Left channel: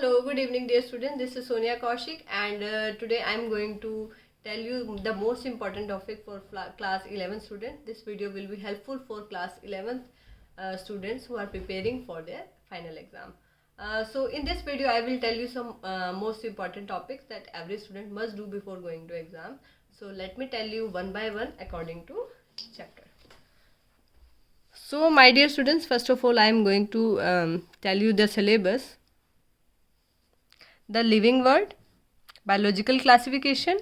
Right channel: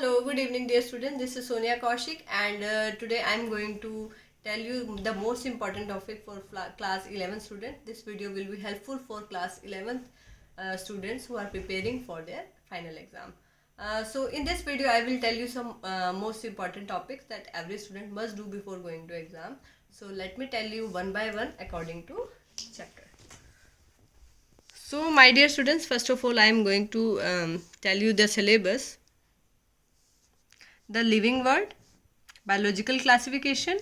Hello, good evening, dear students. This is Sonia Kaushik, and today I am going to tell you the most important topic for class 11 students. This video will be helpful for class 11th students who are preparing for their final exam. So, in this video, I will tell you some most important topics that every student must do before going to exam. So, let me tell you one by one according to chapter. So, my dear students, first of all, I am going to tell you the syllabus. The living world, biological classification,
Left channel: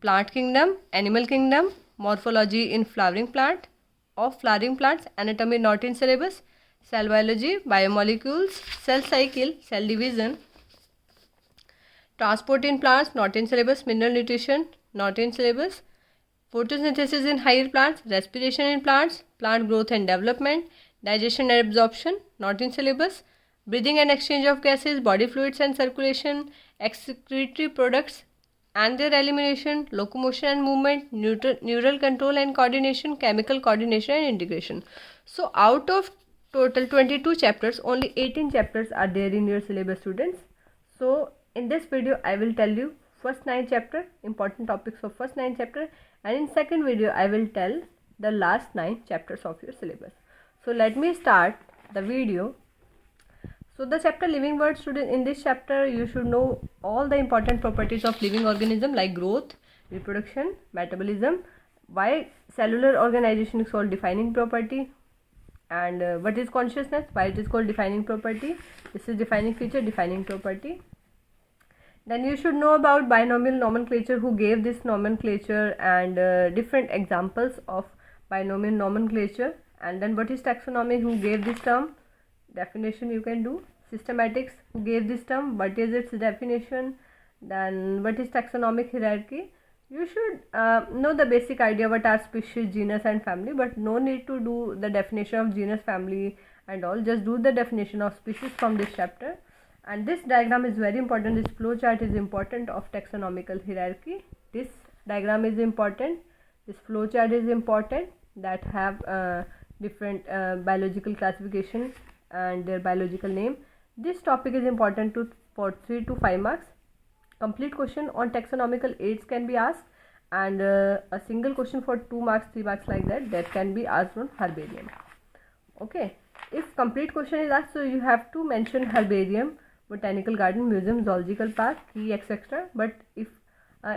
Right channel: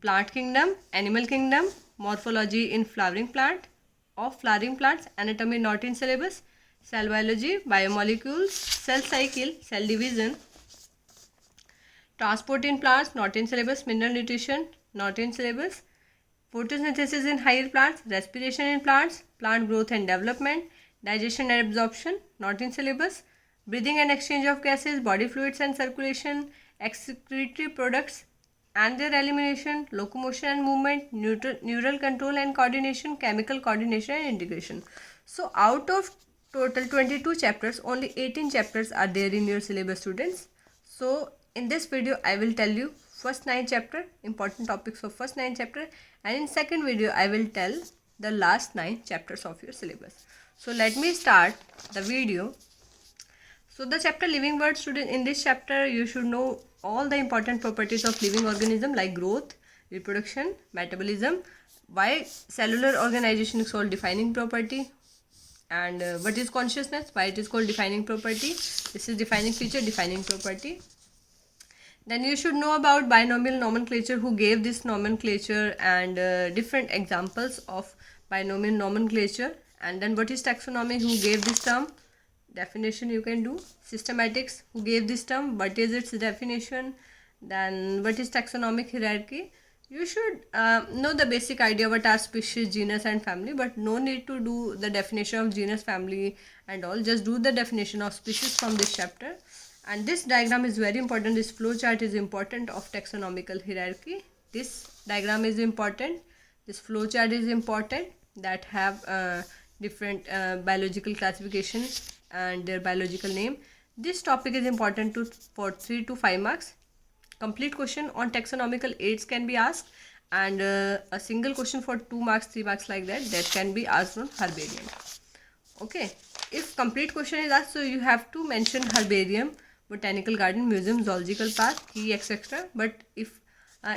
plant kingdom, animal kingdom, morphology in flowering plant, of flowering plants, anatomy not in syllabus, cell biology, biomolecules, cell cycle, cell division, transport in plants not in syllabus, mineral nutrition not in syllabus, photosynthesis in higher plants, respiration in plants, plant growth and development, digestion and absorption not in syllabus, breathing and exchange of gases, body fluids and circulation, excretory products and their elimination, locomotion and movement, neural control and coordination, chemical coordination and integration. So out of total 22 chapters, only 18 chapters are there in your syllabus, students. So in this video I will tell you first 9 chapter, important topics of first 9 chapter, and in second video I will tell the last 9 chapters of your syllabus. So let me start the video. So the chapter living world, student, in this chapter you should know all the important properties of living organism like growth, reproduction, metabolism, why cellular organization is called defining property, and what is consciousness, why it is called defining property. This is defining feature, defining property. Then you should know about binomial nomenclature, who gave this nomenclature, and different examples of binomial nomenclature. And then what is taxonomy, who gave this term, definition you can do. Systematics, who gave this term, what is its definition. Then what is taxonomic hierarchy. You should know the basic idea what are species, genus and family, but no need to do the definition of genus, family and all. Just do the definition of species from this chapter. And this diagram is very important. This flow chart is important of taxonomical hierarchy. This diagram is important. This flow chart is important, that have different biological classification and their biological name. This topic is important for 3 to 5 marks. Complete question on taxonomical aids can be asked, and a single question for 2 marks, 3 marks like that can be asked on herbarium. Okay, if complete question is asked, so you have to mention herbarium, botanical garden, museum, zoological park, key, etc. But if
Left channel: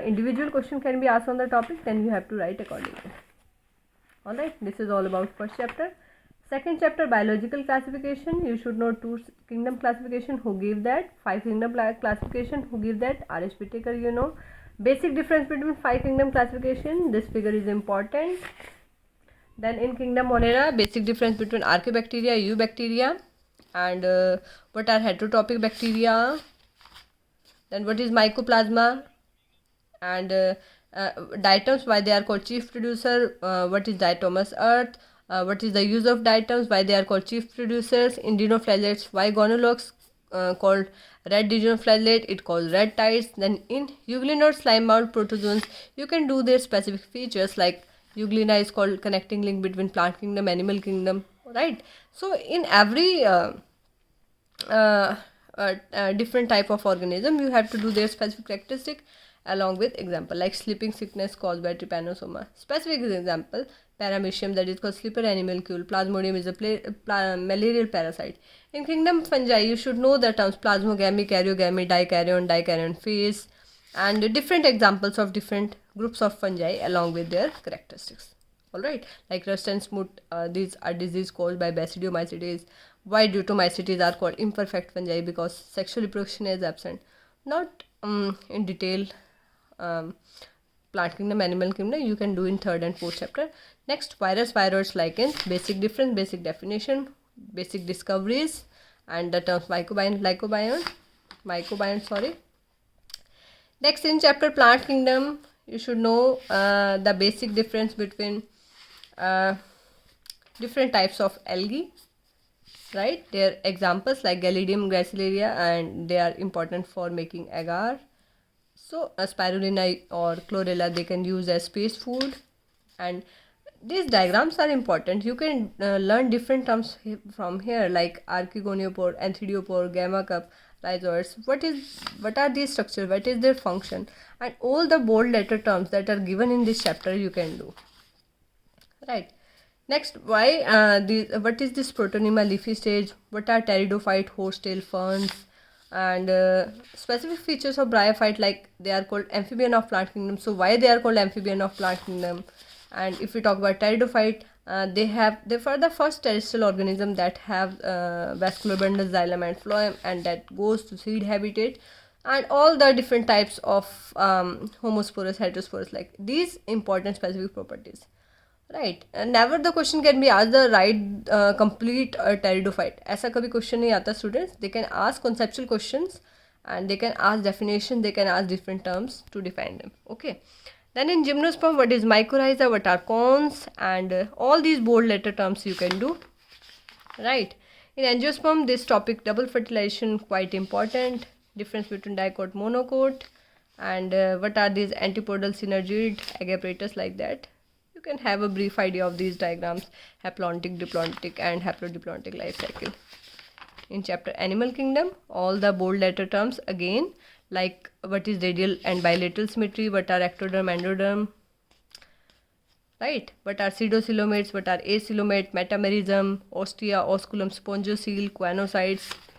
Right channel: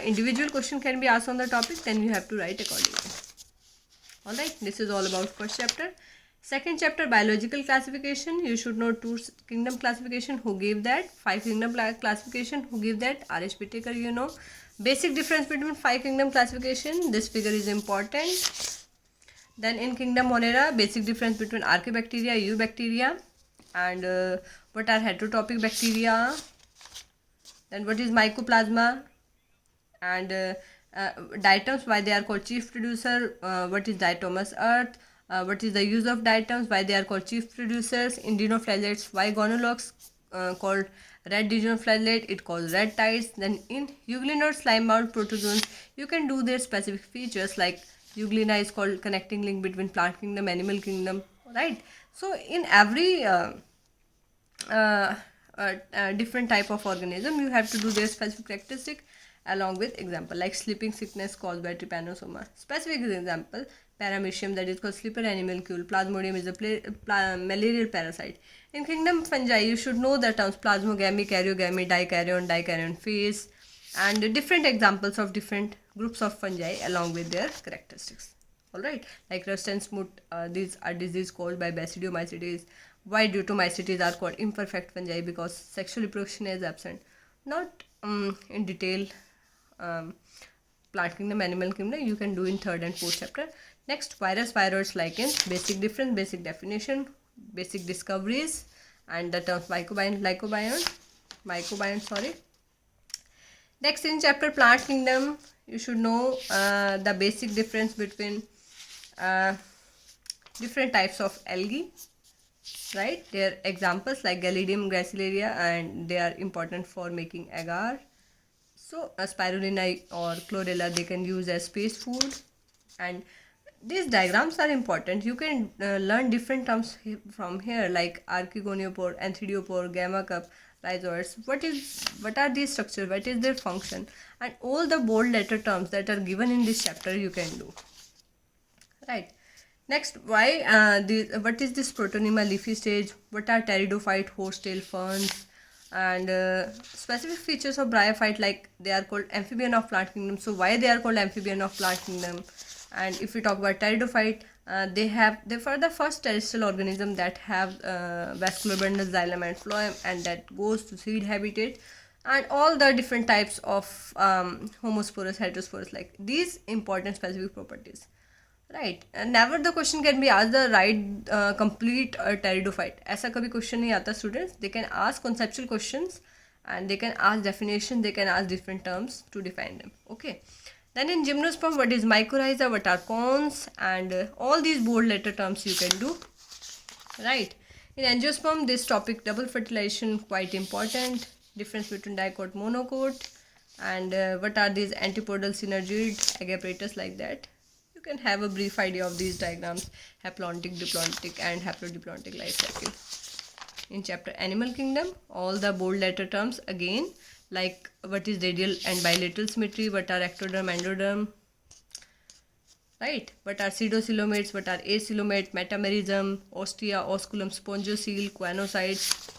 individual question can be asked on the topic, then you have to write accordingly. Alright, this is all about first chapter. Second chapter, biological classification. You should know 2 kingdom classification, who gave that. 5 kingdom classification, who gave that. R.H. Whittaker, you know. Basic difference between 5 kingdom classification. This figure is important. Then in kingdom Monera, basic difference between Archaeobacteria, Eubacteria, and what are heterotrophic bacteria. Then what is Mycoplasma, and diatoms, why they are called chief producer. What is diatomous earth. What is the use of diatoms, why they are called chief producers. In dinoflagellates, why gonologues called red dinoflagellate, it called red tides. Then in euglena or slime mound protozoans, you can do their specific features, like euglena is called connecting link between plant kingdom, animal kingdom, right? So in every different type of organism, you have to do their specific characteristic along with example, like sleeping sickness caused by trypanosoma. Specific example, paramecium, that is called slipper animalcule. Plasmodium is a malarial parasite. In kingdom fungi, you should know the terms plasmogamy, karyogamy, dikaryon phase, and different examples of different groups of fungi along with their characteristics. Alright, like rust and smut, these are disease caused by basidiomycetes. Why deutomycetes are called imperfect fungi, because sexual reproduction is absent. Not in detail plant kingdom, animal kingdom, you can do in third and fourth chapter. Next, virus, viroids, lichens, basic difference, basic definition, basic discoveries, and the terms mycobiome, sorry. Next, in chapter plant kingdom, you should know the basic difference between different types of algae, right? Their examples like Gelidium, Gracilaria, and they are important for making agar. So spirulina or chlorella, they can use as space food. And these diagrams are important. You can learn different terms from here, like archegoniopore, anthidiospore, gamma cup, rhizoids. What are these structures? What is their function? And all the bold letter terms that are given in this chapter you can do. Right. Next, what is this Protonema leafy stage? What are pteridophyte, horsetail ferns? And specific features of bryophyte, like they are called amphibian of plant kingdom. So why they are called amphibian of plant kingdom? And if we talk about pteridophyte, they are the first terrestrial organism that have vascular bundle, xylem and phloem, and that goes to seed habitat, and all the different types of homosporous, heterosporous, like these important specific properties. Right. Never the question can be asked the right complete pteridophyte. ऐसा कभी question नहीं आता students. They can ask conceptual questions and they can ask definition. They can ask different terms to define them. Okay. Then in gymnosperm, what is mycorrhiza? What are cones? And all these bold letter terms you can do. Right. In angiosperm, this topic double fertilization quite important. Difference between dicot, monocot, and what are these antipodal synergid, agapetus, like that. You can have a brief idea of these diagrams: haplontic, diplontic, and haplodiplontic life cycle. In chapter Animal Kingdom, all the bold letter terms again, like what is radial and bilateral symmetry, what are ectoderm, endoderm, right? What are pseudocoelomates, what are acoelomate, metamerism, ostia, osculum, spongiocele, choanocytes.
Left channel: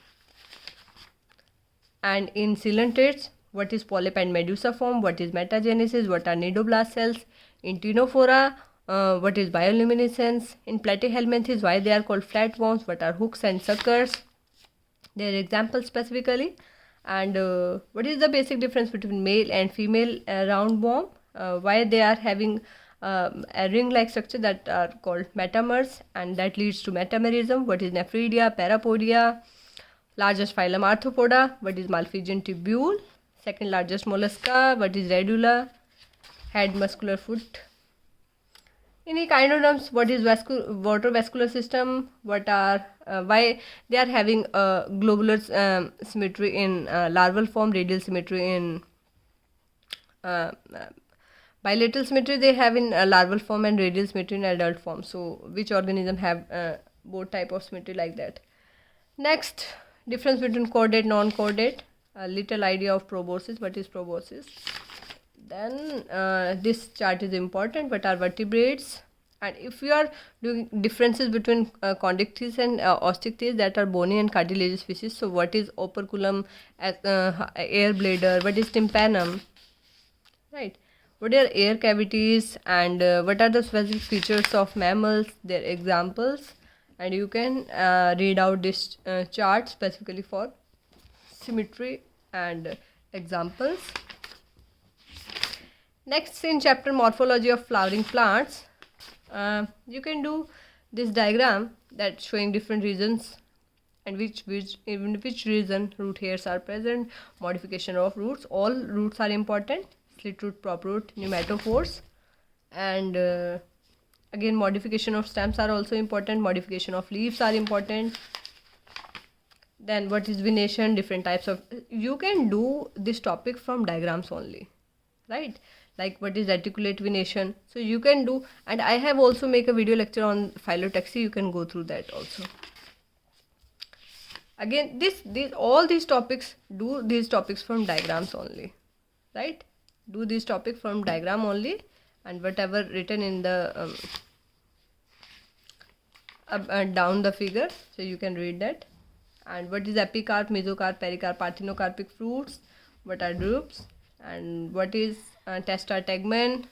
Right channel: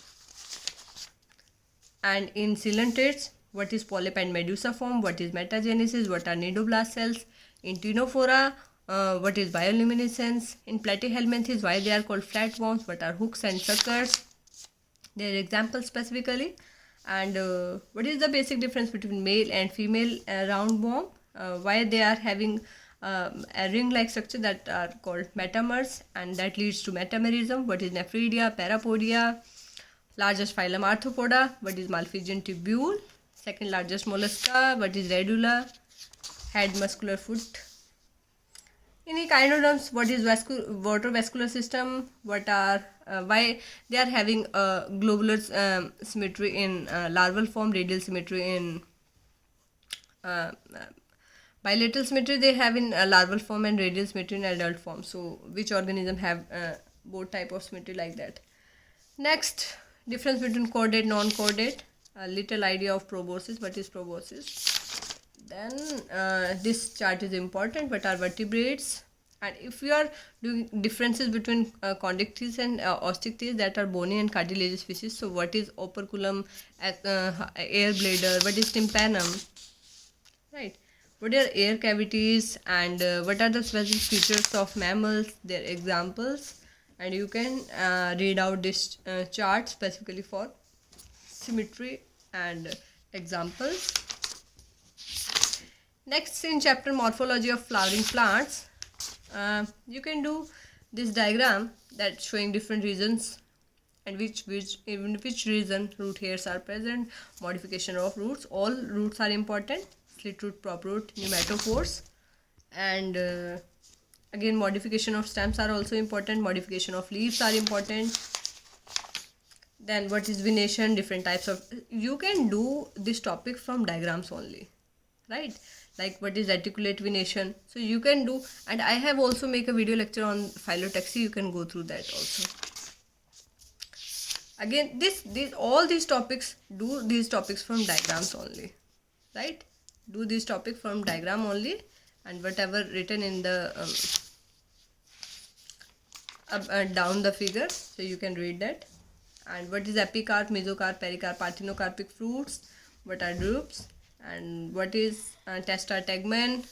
And in coelenterates, what is polyp and medusa form, what is metagenesis, what are nidoblast cells. In ctenophora, what is bioluminescence. In platyhelminthes, why they are called flatworms, what are hooks and suckers, their examples specifically. And what is the basic difference between male and female roundworm, why they are having a ring-like structure that are called metamers, and that leads to metamerism. What is nephridia, parapodia. Largest phylum Arthropoda, what is Malpighian tubule. Second largest mollusca, what is Radula. Head, muscular foot. In echinoderms, what is water vascular system, what are why they are having globular symmetry in larval form, radial symmetry in bilateral symmetry they have in larval form, and radial symmetry in adult form. So which organism have both type of symmetry like that. Next, difference between chordate, non-chordate, a little idea of proboscis. What is proboscis? Then this chart is important. What are vertebrates? And if you are doing differences between chondrichthyes and osteichthyes, that are bony and cartilaginous species. So what is operculum, air bladder? What is tympanum? Right. What are air cavities, and what are the specific features of mammals? Their examples. And you can read out this chart specifically for symmetry and examples. Next, in chapter morphology of flowering plants, you can do this diagram that showing different regions and which region root hairs are present, modification of roots. All roots are important: slit root, prop root, pneumatophores, and again modification of stems are also important, modification of leaves are important. Then what is venation, different types of, you can do this topic from diagrams only, right? Like what is reticulate venation, so you can do, and I have also make a video lecture on phyllotaxy, you can go through that also. Again, all these topics, do these topics from diagrams only, right? Do this topic from diagram only, and whatever written in the down the figure, so you can read that. And what is epicarp, mesocarp, pericarp, parthenocarpic fruits, what are drupes, and what is testa tegmen,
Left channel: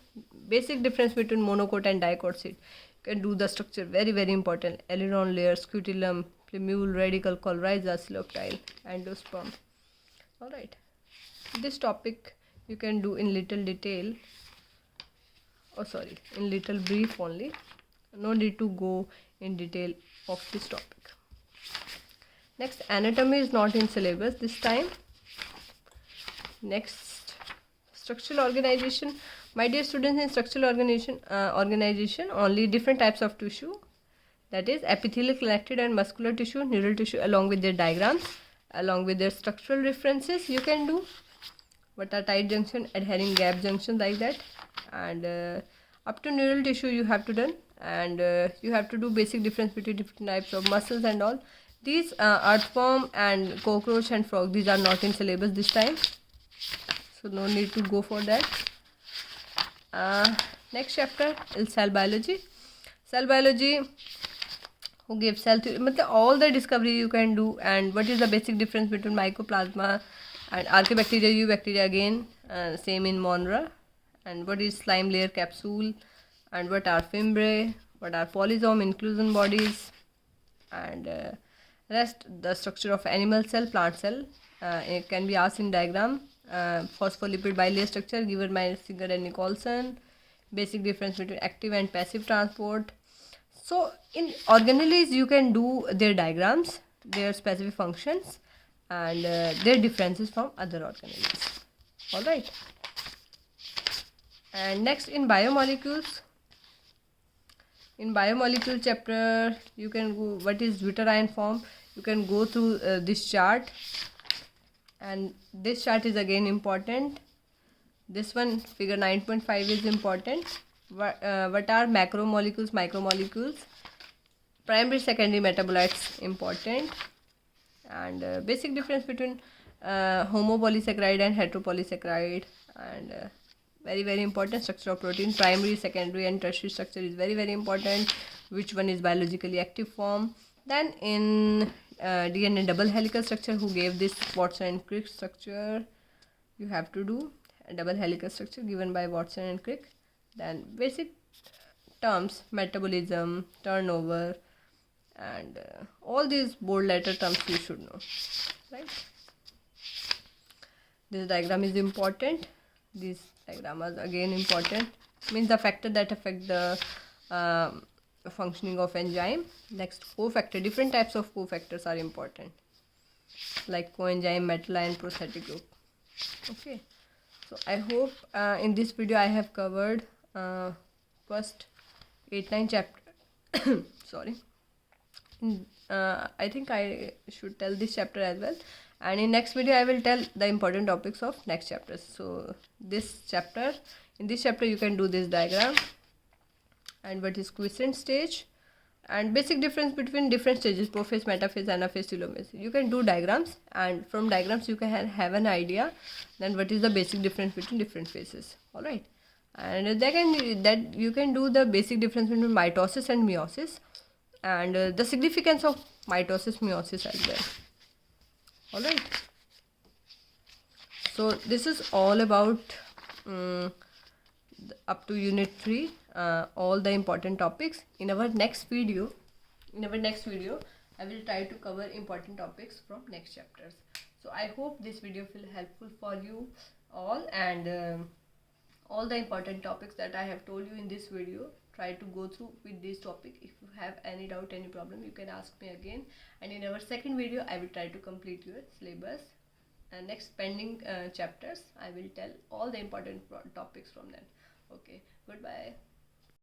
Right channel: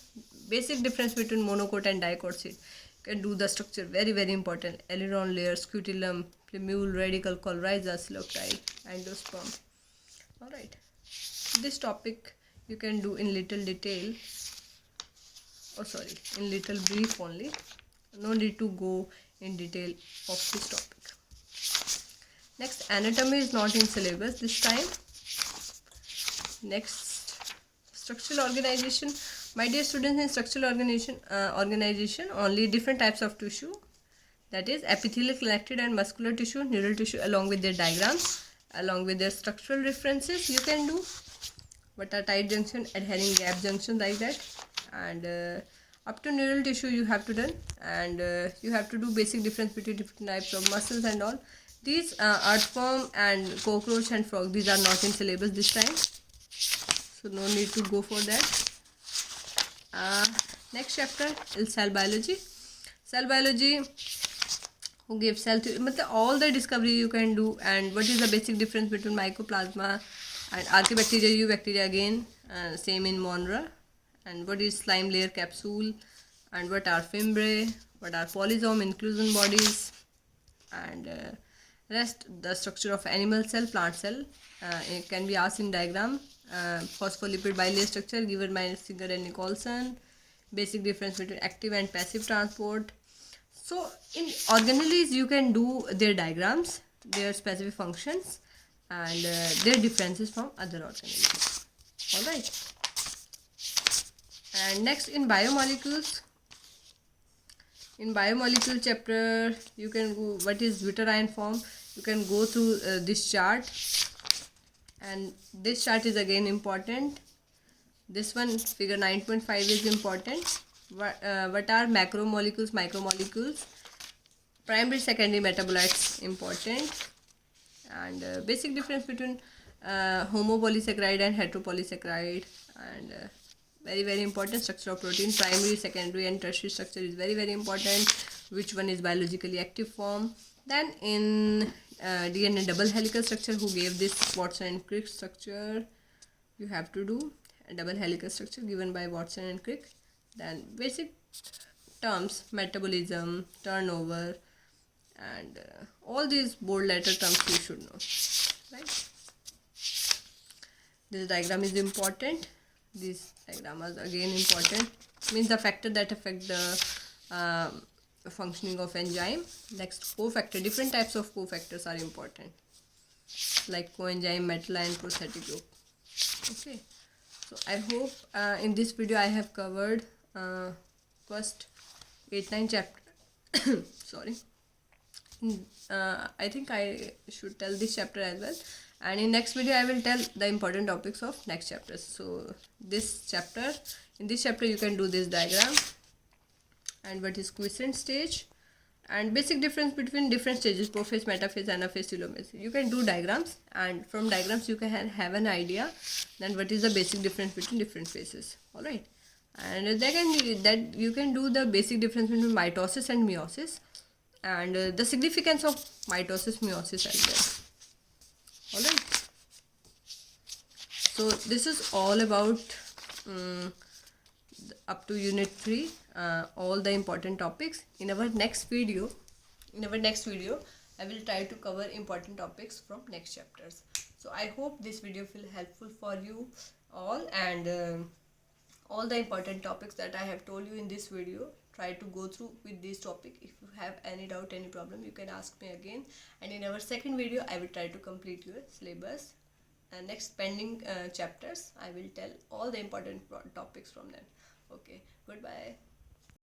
basic difference between monocot and dicot seed. You can do the structure, very very important: aileron layer, scutellum, plumule, radical, coryza, coleoptile, endosperm. Alright, this topic you can do in little detail, in little brief only, no need to go in detail of this topic. Next, anatomy is not in syllabus this time. Next, structural organization. My dear students, in structural organization only different types of tissue, that is epithelial, connected and muscular tissue, neural tissue, along with their diagrams, along with their structural references you can do. What are tight junction, adhering gap junction, like that. And Up to neural tissue you have to done, and you have to do basic difference between different types of muscles and all. These earthworm and cockroach and frog, these are not in syllabus this time, so no need to go for that. Next chapter is cell biology. Cell biology, who gives cell theory, all the discovery you can do, and what is the basic difference between mycoplasma and archaebacteria, eubacteria again, same in Monera, and what is slime layer capsule, and what are fimbriae, what are polysome inclusion bodies, and rest the structure of animal cell, plant cell. It can be asked in diagram. Phospholipid bilayer structure given by Singer and Nicholson. Basic difference between active and passive transport. So in organelles you can do their diagrams, their specific functions, and their differences from other organelles. Alright. And next, in biomolecules. In biomolecule chapter, you can go what is deuterion form. You can go through this chart, and this chart is again important. This one, figure 9.5, is important. What are macromolecules, micromolecules, primary, secondary metabolites, important, and basic difference between homopolysaccharide and heteropolysaccharide, and very important, structure of protein, primary, secondary and tertiary structure is very important. Which one is biologically active form. Then in DNA double helical structure, who gave this Watson and Crick structure, you have to do a double helical structure given by Watson and Crick. Then basic terms, metabolism, turnover, and all these bold letter terms you should know, right? This diagram is important. These diagram are again important, means the factor that affect the functioning of enzyme. Next, cofactor, different types of cofactors are important, like coenzyme, metal ion, prosthetic group. Okay, so I hope in this video I have covered first 8-9 chapter sorry. I think I should tell this chapter as well, and in next video I will tell the important topics of next chapters. So this chapter, in this chapter you can do this diagram, and what is quiescent stage, and basic difference between different stages, prophase, metaphase, anaphase, telomerase. You can do diagrams, and from diagrams you can have an idea then what is the basic difference between different phases. All right, and that you can do the basic difference between mitosis and meiosis, and the significance of mitosis, meiosis as well. All right, so this is all about up to unit 3, all the important topics. In our next video I will try to cover important topics from next chapters. So I hope this video will helpful for you all, and all the important topics that I have told you in this video, try to go through with this topic. If you have any doubt, any problem, you can ask me again, and in our second video I will try to complete your syllabus. And next pending chapters I will tell all the important topics from them. Okay, goodbye.